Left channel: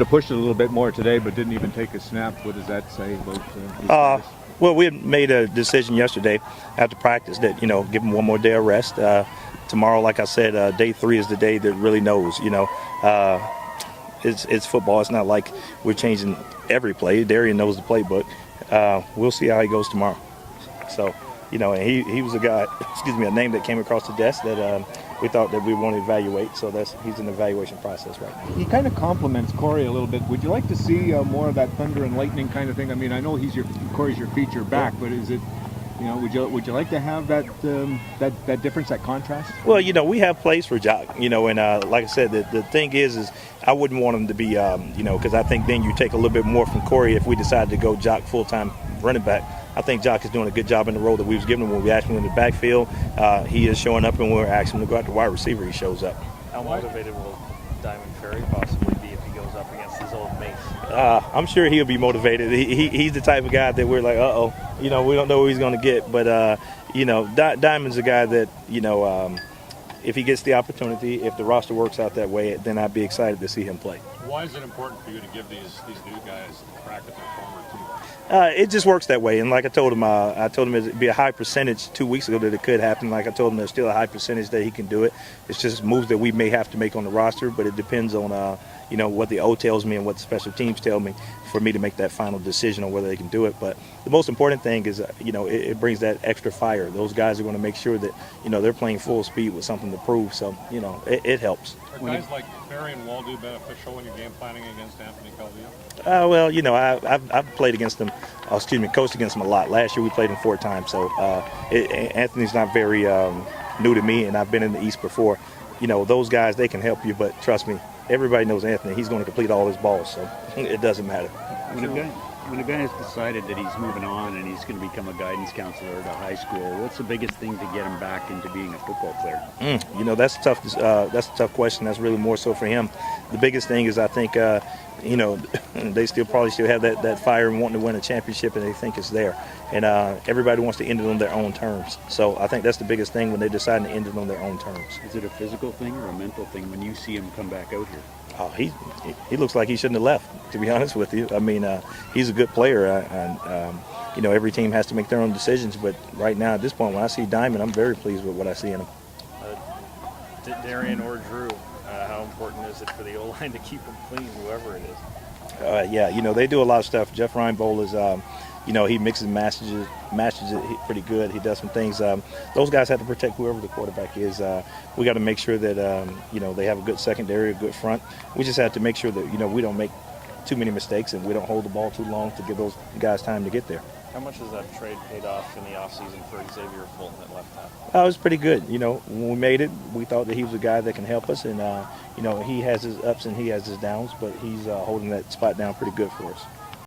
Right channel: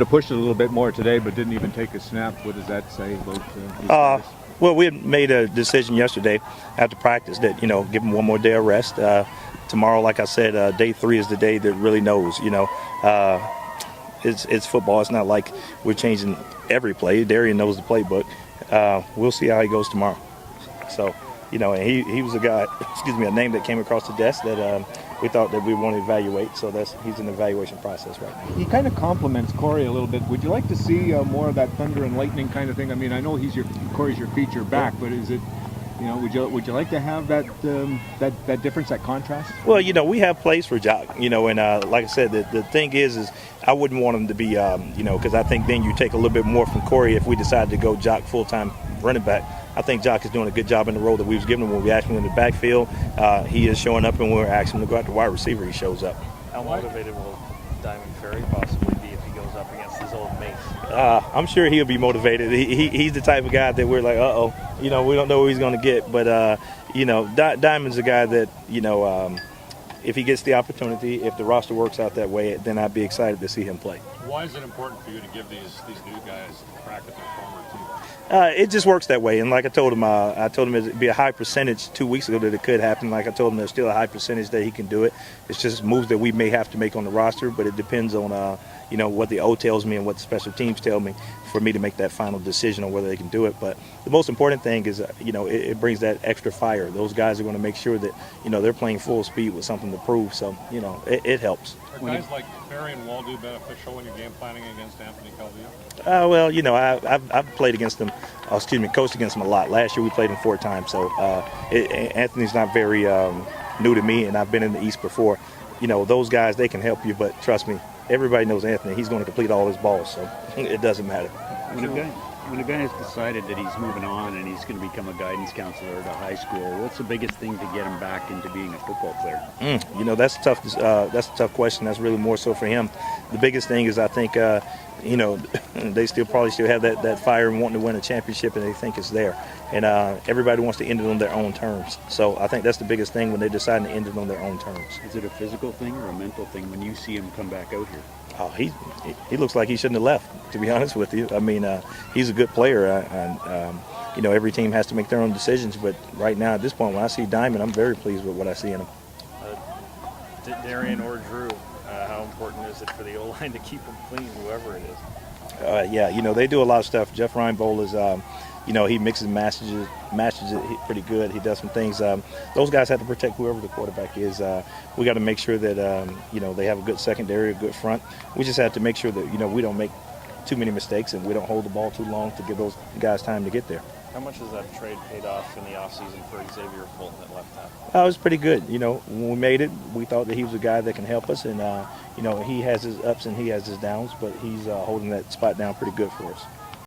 to push it a little bit more today, but didn't even take a snap. What does that say about these guys? Well, we had made a decision yesterday after practice that, give him one more day of rest. Tomorrow, like I said, day 3 is the day that really knows, It's football. It's not like we're changing every play. Darian knows the playbook. We'll see how he goes tomorrow. So, and he was a guy, a name that came across the desk that we thought that we want to evaluate. So he's in the evaluation process right now. He kind of compliments Corey a little bit. Would you like to see more of that thunder and lightning kind of thing? I mean, I know Corey's your feature back, but is it, would you like to have that difference, that contrast? Well, we have plays for Jock, and like I said, the thing is I wouldn't want him to be, because I think then you take a little bit more from Corey if we decide to go Jock full-time running back. I think Jock is doing a good job in the role that we was giving him when we asked him in the backfield. He is showing up, and when we're asking him to go out to wide receiver, he shows up. How motivated will Diamond Ferry possibly be if he goes up against his old mates? I'm sure he'll be motivated. He's the type of guy that we're like, we don't know who he's going to get. But, Diamond's a guy that, if he gets the opportunity, if the roster works out that way, then I'd be excited to see him play. Why is it important for you to give these new guys practice with former team? It just works that way. And like I told him it'd be a high percentage 2 weeks ago that it could happen. Like I told him there's still a high percentage that he can do it. It's just moves that we may have to make on the roster, but it depends on, what the O tells me and what the special teams tell me for me to make that final decision on whether they can do it. But the most important thing is, it brings that extra fire. Those guys are going to make sure that, they're playing full speed with something to prove. So, it helps. Are guys like Ferry and Waldo beneficial when you're game planning against Anthony Calvillo? I've played against them, coached against them a lot. Last year we played him 4 times. So Anthony's not very new to me, and I've been in the East before. Those guys, they can help you, but trust me, everybody knows Anthony. He's going to complete all his balls, so it doesn't matter. When a guy has decided that he's moving on and he's going to become a guidance counselor at a high school, what's the biggest thing to get him back into being a football player? That's a tough question. That's really more so for him. The biggest thing is I think, they probably still have that fire and wanting to win a championship, and they think it's there. And everybody wants to end it on their own terms. So I think that's the biggest thing when they decide to end it on their own terms. Is it a physical thing or a mental thing when you see him come back out here? Oh, he looks like he shouldn't have left, to be honest with you. I mean, he's a good player, and every team has to make their own decisions. But right now, at this point, when I see Diamond, I'm very pleased with what I see in him. Darian or Drew, how important is it for the O-line to keep him clean, whoever it is? They do a lot of stuff. Jeff Reinbold is, he mixes matches it pretty good. He does some things. Those guys have to protect whoever the quarterback is. We got to make sure that, they have a good secondary, a good front. We just have to make sure that, we don't make too many mistakes and we don't hold the ball too long to give those guys time to get there. How much has that trade paid off in the offseason for Xavier Fulton at left tackle? It was pretty good. When we made it, we thought that he was a guy that can help us. And, he has his ups and he has his downs, but he's holding that spot down pretty good for us.